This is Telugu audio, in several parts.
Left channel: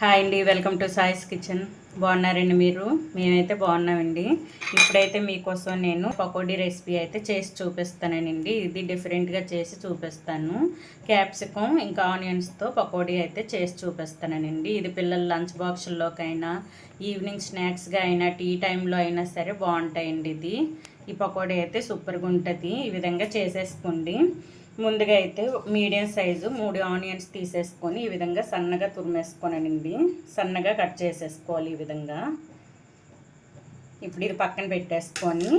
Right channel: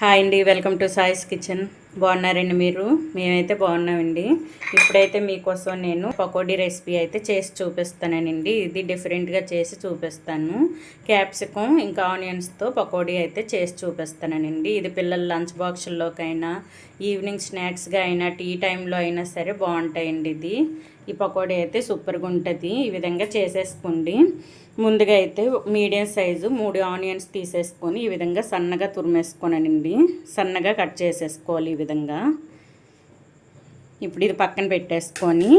హాయ్ అండి, వెల్కమ్ టు సాయిస్ కిచెన్. బాగున్నారండి మీరు? మేమైతే బాగున్నామండి. ఇప్పుడైతే మీకోసం నేను పకోడీ రెసిపీ అయితే చేసి చూపిస్తానండి. ఇది డిఫరెంట్గా చేసి చూపిస్తాను. క్యాప్సికమ్ ఇంకా ఆనియన్స్తో పకోడీ అయితే చేసి చూపిస్తానండి. ఇది పిల్లల లంచ్ బాక్సుల్లోకైనా ఈవినింగ్ స్నాక్స్గా అయినా టీ టైంలో అయినా సరే బాగుంటాయండి. ఈ పకోడీ అయితే సూపర్గా ఉంటుంది. ఈ విధంగా చేసేసుకోండి. ముందుగా అయితే మీడియం సైజు 3 ఆనియన్స్ తీసేసుకొని ఈ విధంగా సన్నగా తురిమేసుకోనండి. సన్నగా కట్ చేసేసుకోవాలి ఈ విధంగా. ఇప్పుడు ఇది పక్కన పెట్టేసుకొని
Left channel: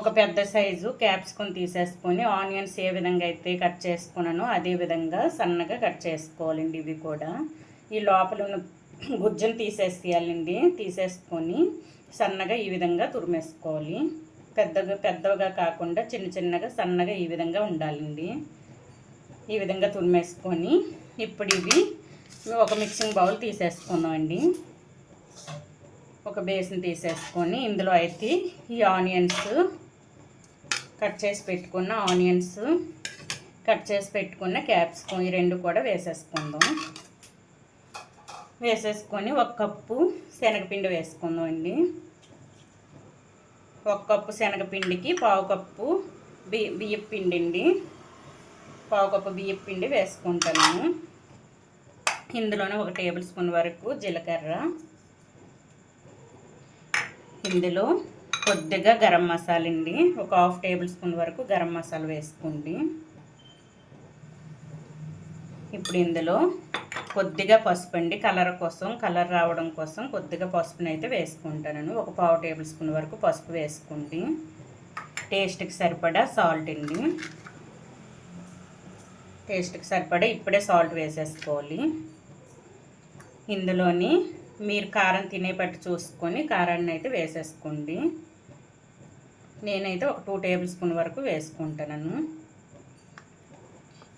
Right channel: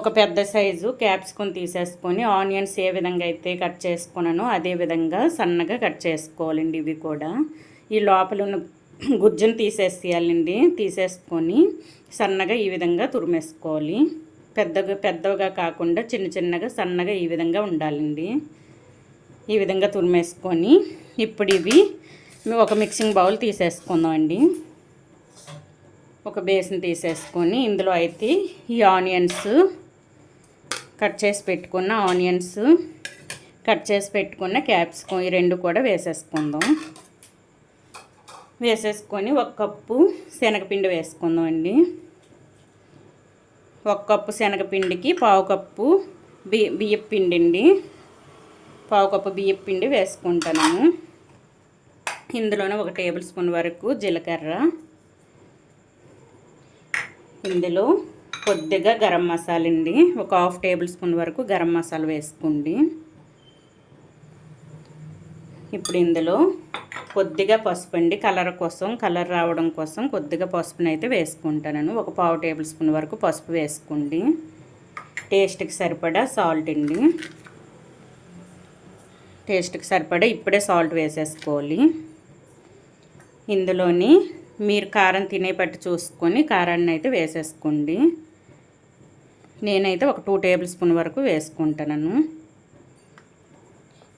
ఒక పెద్ద సైజు క్యాప్సికమ్ తీసేసుకొని ఆనియన్స్ ఏ విధంగా అయితే కట్ చేసుకున్నానో అదే విధంగా సన్నగా కట్ చేసుకోవాలండి. ఇవి కూడా ఈ లోపల ఉన్న గుజ్జును తీసేసేయాలండి. తీసేసుకొని సన్నగా ఈ విధంగా తురిమేసుకోవాలి. పెద్దగా కాకుండా చిన్నగా సన్నగా ఈ విధంగా ఉండాలండి. ఈ విధంగా తురిమేసుకొని ఇప్పుడు ఇవి ఒక మిక్సింగ్ బౌల్ తీసేసుకుందామండి. ఒక బేసిన్ తీసేసుకొని ఇందులో అయితే ఈ ఆనియన్స్ కట్ చేసి పెట్టుకున్న ఆనియన్స్, కట్ చేసి పెట్టుకున్న క్యాప్సికమ్ ఈ రెండు కూడా వేసేసుకుందాం. వేసేసుకొని 1 కప్పు శనగపిండి వేసుకుందామండి. 1 కప్పు శనగపిండికి 1/2 కప్పు బియ్యపు పిండి అండి. 1/2 కప్పు బియ్యపు పిండి వేసుకుంటాను. ఇందులోనే 1 టేబుల్ స్పూన్ వరకు జీలకర్ర, ఇందులో కొద్దిగా గరం మసాలా అండి. 1/2 టేబుల్ స్పూన్ వరకు గరం మసాలా వేసుకోండి. ఇప్పుడు ఇందులో కొద్దిగా పసుపు అండి. కలర్ రావడం కోసం కొద్దిగా పసుపుని అయితే వేసుకుంటాను. 1/4 టేబుల్ స్పూన్ వరకు పసుపు వేసుకోండి. టేస్ట్కి సరిపడా సాల్ట్ అండి. టేస్ట్కి సరిపడా ఇప్పుడే సాల్ట్ వేసేసుకోవాలి. ఇందులోని మీరు కారం తినే పట్టు చూసుకొని కారాన్ని అయితే వేసేసుకోండి. నేనైతే 2 టేబుల్ స్పూన్ వరకు వేసుకుంటాను.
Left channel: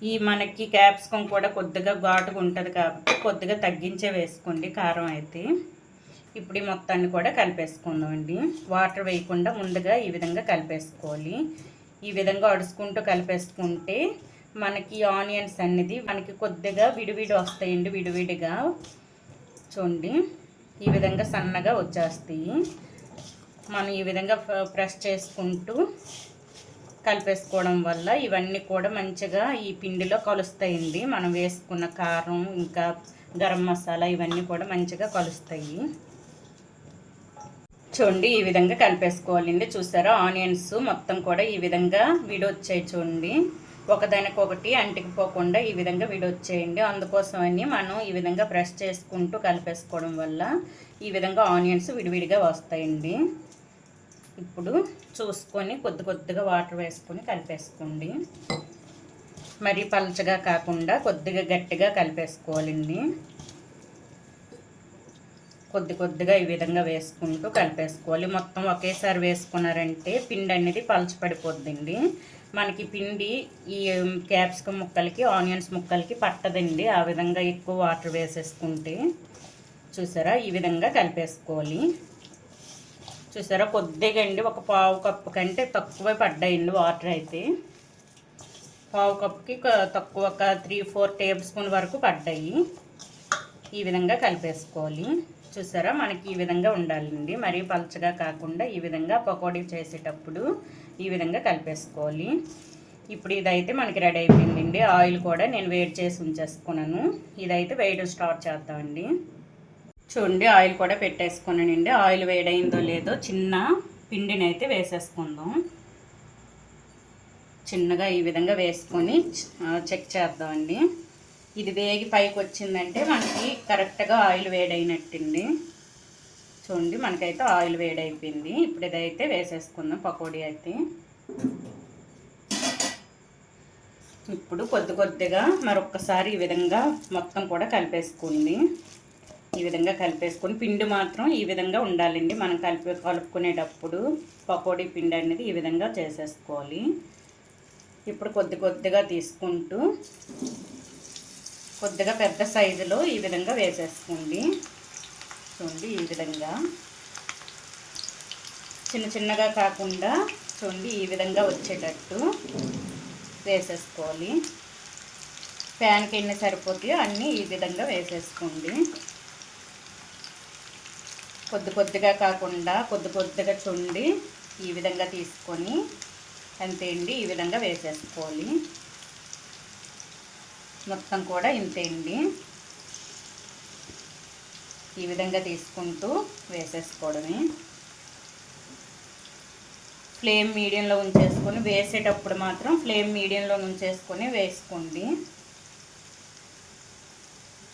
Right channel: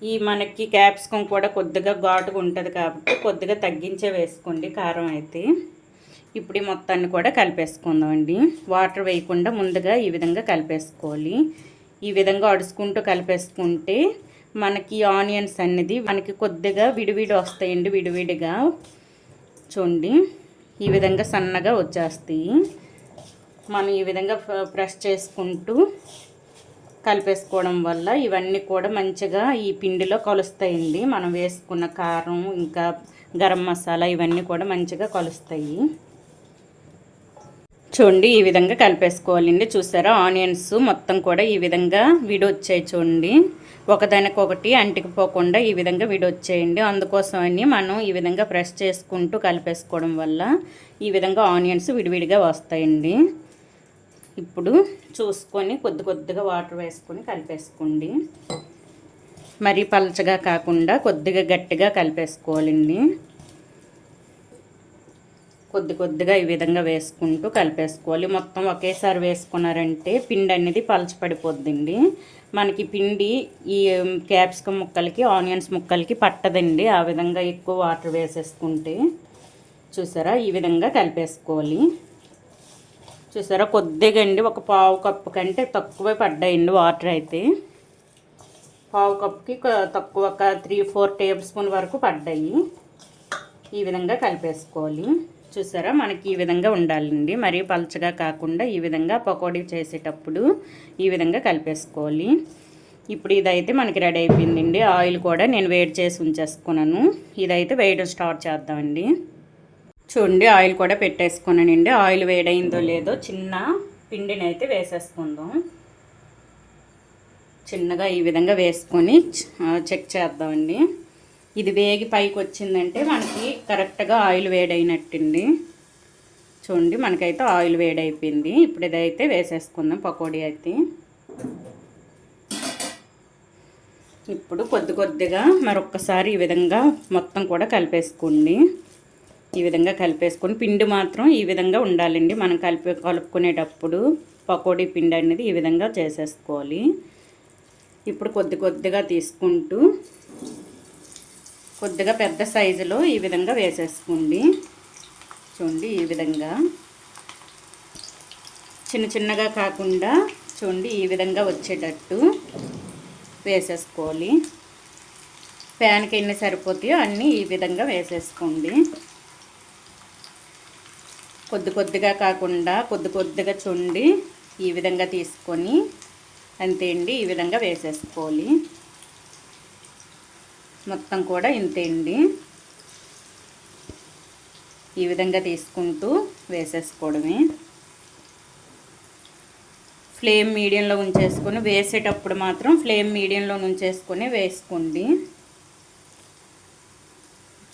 ఈ మనకి క్యాప్సికమ్ కూడా కొద్దిగా ఘాటుగా ఉంటుంది కాబట్టి కొద్దిగా తగ్గించే వేసుకోండి కారం అయితే. ఇప్పుడు ఈ మొత్తాన్ని కూడా కలిపేసుకుందామండి. వాటర్ వేయకుండా ముందుగా ఈ విధంగా కలిపేసుకోవాలి. ఈ విధంగా అడుచుకుంటూ కలిపేసుకుంటే మనకి ఆనియన్స్ అనేది మనకి కొద్దిగా విడివిడి వస్తాయండి. విడివిడిగా చూడండి ఈ విధంగా సన్నగా వచ్చేస్తాయి. మనం ఈ విధంగా ప్రెస్ చేసుకుంటూ కలిపేసుకోవడం వల్ల ఇవన్నీ కూడా మంచిగా ఈ పిండిలో కలుస్తాయండి. మనం వేసుకున్న కారం ఇంకా గరం మసాలా ఇవన్నీ కూడా మంచిగా కలుస్తాయి. చూడండి ఈ విధంగా కలిపేసుకోవాలండి. చూసారా ఆనియన్స్ మొత్తం కూడా ఈ విధంగా విడొచ్చాయి. చూడండి ఒకదానికొకటి అంటికిపోకుండా ఈ విధంగా విడొచ్చేయండి. అందుకోసమని మనం ఈ విధంగా ప్రెస్ చేసుకుంటూ కలిపేసుకోవడం వల్ల ఈ విధంగా ఆనియన్స్ విడివిడిగా వస్తాయండి. ఇప్పుడు చూసుకొని కొద్దిగా వాటర్ వేసుకొని కలిపేసుకోండి. మరీ పలచగా కాకుండా కొద్దిగా గట్టిగా కలిపేసుకోవాలండి. కొద్దిగా ఈ విధంగా వేసుకుంటూ కలిపేసుకోవాలి. మొత్తం ఒకేసారి వేసుకున్నారంటే పిండి అనేది పలచపడిపోద్దండి. మనకి పిండి ఈ క్యాప్సికమ్ ముక్కలకి ఆనియన్స్ ముక్కలకి పట్టదండి. ఆ విధంగా ఎక్కువ వాటర్ వేసేసుకుంటే చూసారా ఈ విధంగా కలిపేసుకోవాలి. చూసారా కొద్దిగా అండి 1/4 కప్పు కంటే తక్కువ పడ్డాయండి వాటర్ అయితే. 1/4 కప్పుకి తక్కువ 3-4 టేబుల్ స్పూన్ వరకు పడ్డాయి. ఈ విధంగా కలిపేసుకోవాలి. చూసారా మనకి ఈ విధంగా ఉండాలండి. మరీ పలచగా కాకుండా ఈ విధంగా పకోడీ చేసేటప్పుడు ఈ విధంగా కలిపేసుకోవాలి. ఇప్పుడు ఇదైతే మనకి రెడీ అయిపోయిందండి. ఆయిల్ కూడా నేను వేడి చేసి ఉంచేసుకున్నాను. ఇదైతే వేయడం స్టార్ట్ చేద్దామండి. చూడండి ఆయిల్ కూడా పెట్టేసుకున్నానండి. ఆయిల్ వేడైందో లేదో చిన్న పిండిని అయితే వేసేసుకుందాం. చిన్నగా ఈ విధంగా వేసుకొని చెక్ చేద్దామండి. ఇది వేగి పైకి వచ్చిందంటే మనకి కరెక్ట్గా ఆయిల్ వేడైనట్టండి. చూడండి మనకైతే ఆయిల్ వేడైపోయింది. ఇప్పుడు ఇదైతే వేసేసుకుందాం పకోడీ అయితే. ఇప్పుడు కొద్దిగా మరొక్కసారి ఈ విధంగా మొత్తం కూడా కలిపేసుకోండి. ఈ విధంగా కలిపేసుకొని పిండి మాత్రం ఈ విధంగా ఉండాలండి. మనం కలుపుకునేటప్పుడు పకోడీ పిండి అనేది ఈ విధంగా చేసేసుకోవాలి. ఇప్పుడు కొద్దిగా తీసుకుంటూ కొద్దిగా పెద్ద సైజులో ఈ విధంగా వేసేసుకోండి. చూడండి ఈ విధంగా చిన్నగా కాకుండా చూడండి ఈ విధంగా వచ్చేటట్టు వేసేసుకోవాలి. ప్యాన్కి ఎన్ని సరిపోతాయో అన్నీ ఈ విధంగా వేసేసుకోండి. కొద్దిగా కాకుండా కొద్దిగా చూడండి ఈ విధంగా తీసుకొని అంతే అండి, ఈ విధంగా వేసేసుకోవాలి. మొత్తం కూడా ఇంతే అండి, ఈ విధంగా తీసుకుంటూ వేసేసుకోవడమే. ఫ్లేమ్ మీడియంలో ఉంచేసుకొని వేసేటప్పుడు మాత్రం ఫ్లేమ్ మీడియంలో ఉంచేసుకొని వేసుకోండి.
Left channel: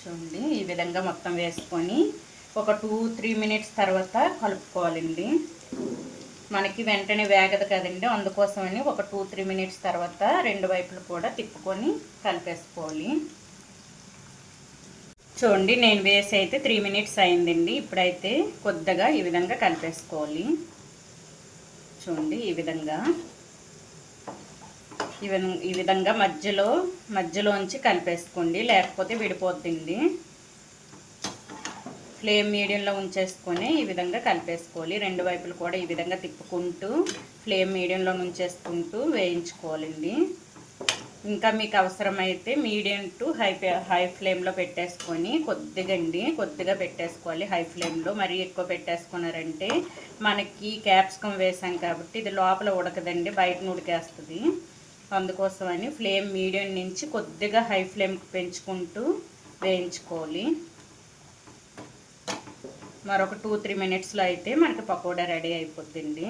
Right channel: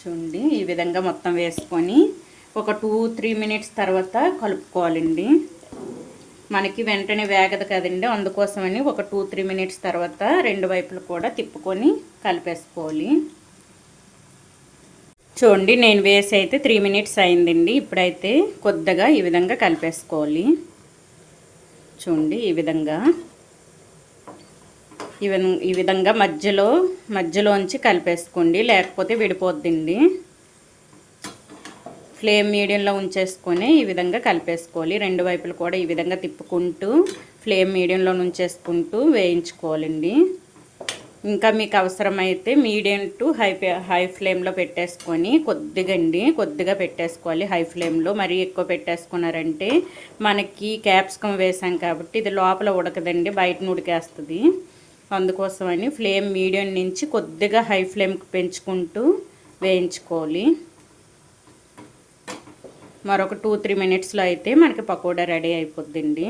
చూడండి ఈ విధంగా మొత్తం వేసుకొని ఒక 2-3 మినిట్స్ తర్వాత కలుపుకోవాలండి. మనకి వెంటనే వేగదు కదండి, అందుకోసమని ఒక 2-3 మినిట్స్ తర్వాత రెండు వైపులు కూడా తిప్పుకొని కలిపేసుకోవాలి. చూడండి నేను వేసి అయితే 3 మినిట్స్ అయిందండి. ఇప్పుడైతే కొద్దిగా ఈ విధంగా కలిపేసుకోవాలి. చూడండి ఈ విధంగా మధ్యలోంచి కలిపేసుకోండి, లేకపోతే విడిపోద్దండి. ఫ్లేమ్ మీడియంలో ఉంచేసుకొని ఈ విధంగా కలిపేసుకోవాలి. రెండు వైపులు కూడా ఈ విధంగా తిప్పుకుంటూ ఫ్లేమ్ మీడియంలో ఉంచేసుకుంటూ వేయించుకోవాలండి. ఇంకా మీకు అవసరమైతే మీడియం టు హై ఫ్లేమ్లో పెట్టేసుకొని కొద్దిగా పెట్టేసుకోవాలి. హై ఫ్లేమ్లో మరీ ఎక్కువ పెట్టేసుకున్నారంటే మనకి క్యాప్సికం వేసాం కాబట్టి ఇది లోపల ఉడకదండి, బయట ఉడికేస్తుంది. అందుకోసమని ఫ్లేమ్ మీడియం నుంచి కొద్దిగా హై ఫ్లేమ్కి పెంచుకుంటూ వేయించుకోవాలి. మరొక 2-3 మినిట్స్లో అయితే మనకి పకోడా రెడీ అయిపోద్దండి.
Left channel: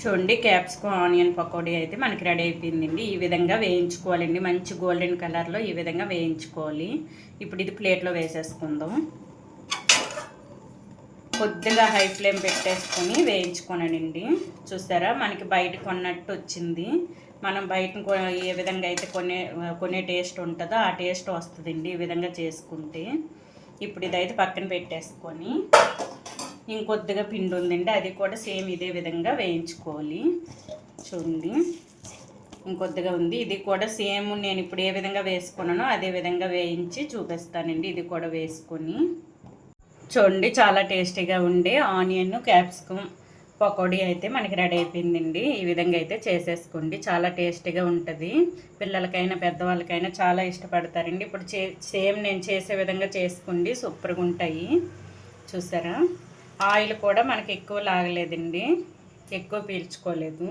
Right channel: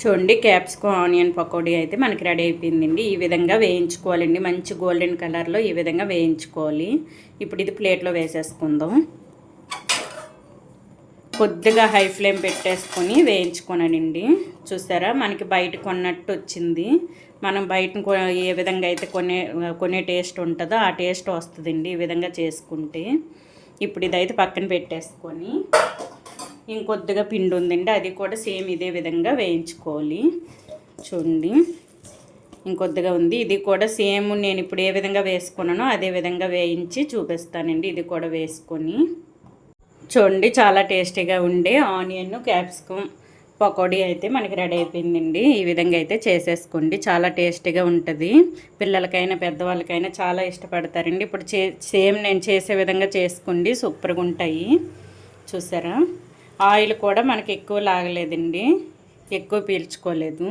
చూడండి క్యాప్సికం ఆనియన్ పకోడీ అయితే మనకి రెడీ అయిపోయిందండి. ఈ విధంగా వేయించుకోవాలండి, మంచి గోల్డెన్ కలర్లో ఈ విధంగా వేయించుకోవాలి. ఇప్పుడు ఇది ప్లేట్లో వేసేసుకుందాం. కొద్దిగా హై ఫ్లేమ్ పెట్టేసుకొని వేయించుకోనండి. చూసారా మనకి బయట కొన్నట్టు వచ్చింది. మనం బయట ఏ విధంగా అయితే కొనే టేస్ట్ ఉంటుందో ఆ టేస్ట్ వస్తుందండి ఈ విధంగా చేసుకుంటే. ఇప్పుడు ఇదైతే పక్కన పెట్టేసుకొని ఇంకొద్దిగా పిండి ఉందండి, అది కూడా సేమ్ ఇదే విధంగా వేయించుకోవాలి. చూడండి ఇంకొద్దిగా ఉంది, ఇది కూడా సేమ్ నేను ఇప్పుడు ఏ విధంగా వేసుకున్నానో అదే విధంగా వేయించి చూపిస్తానండి. ఇది కూడా వేసుకొని చూడండి చాలా టేస్టీగా ఉండే ఆనియన్ క్యాప్సికం పకోడీ అయితే మనకి రెడీ అయిపోయిందండి. ఈ విధంగా అయితే చేసేసుకోండి, చాలా టేస్టీగా ఉంటుంది. పిల్లలకైనా పెద్దవాళ్ళకైనా చాలా ఇష్టపడతారండి. ఇప్పుడు సేమ్ నేను చేసే విధంగా చేసుకోండి, సూపర్గా ఉంటాయి. చూసారా ఆయిల్ కూడా మనకి ఎక్కువ లాగలేదండి, ఎక్కువ పీల్చుకోలేదు.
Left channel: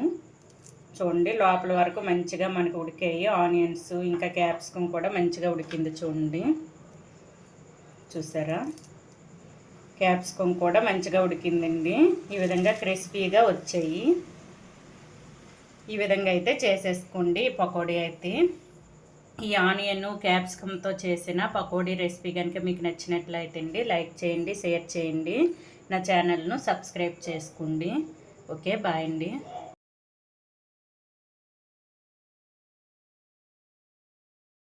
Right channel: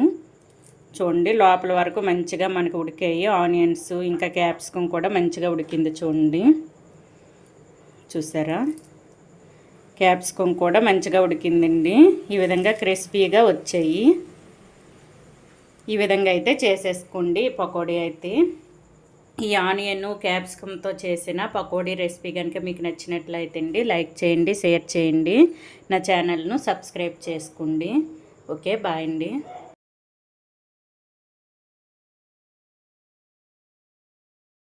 చూడండి లోపల వరకు మంచిగా మనకు ఉడికాయి. ఆనియన్స్ ఇంకా క్యాప్సికం కూడా మంచిగా ఉడికింది. చూసారా క్యాప్సికం కూడా మంచిగా ఉడికిందండి. ఈ విధంగా క్రిస్పీగా వచ్చాయి. ఈ విధంగా అయితే చేసేసుకోండి పకోడీ అయితే. ఈ ఆనియన్ క్యాప్సికంతో చేసిన పకోడీ రెసిపీ కనుక మీకు నచ్చినట్లయితే అండి లైక్ చేయండి, షేర్ చేయండి, నా ఛానల్ను సబ్స్క్రైబ్ చేసుకోండి. ఓకే బాయ్ అండి.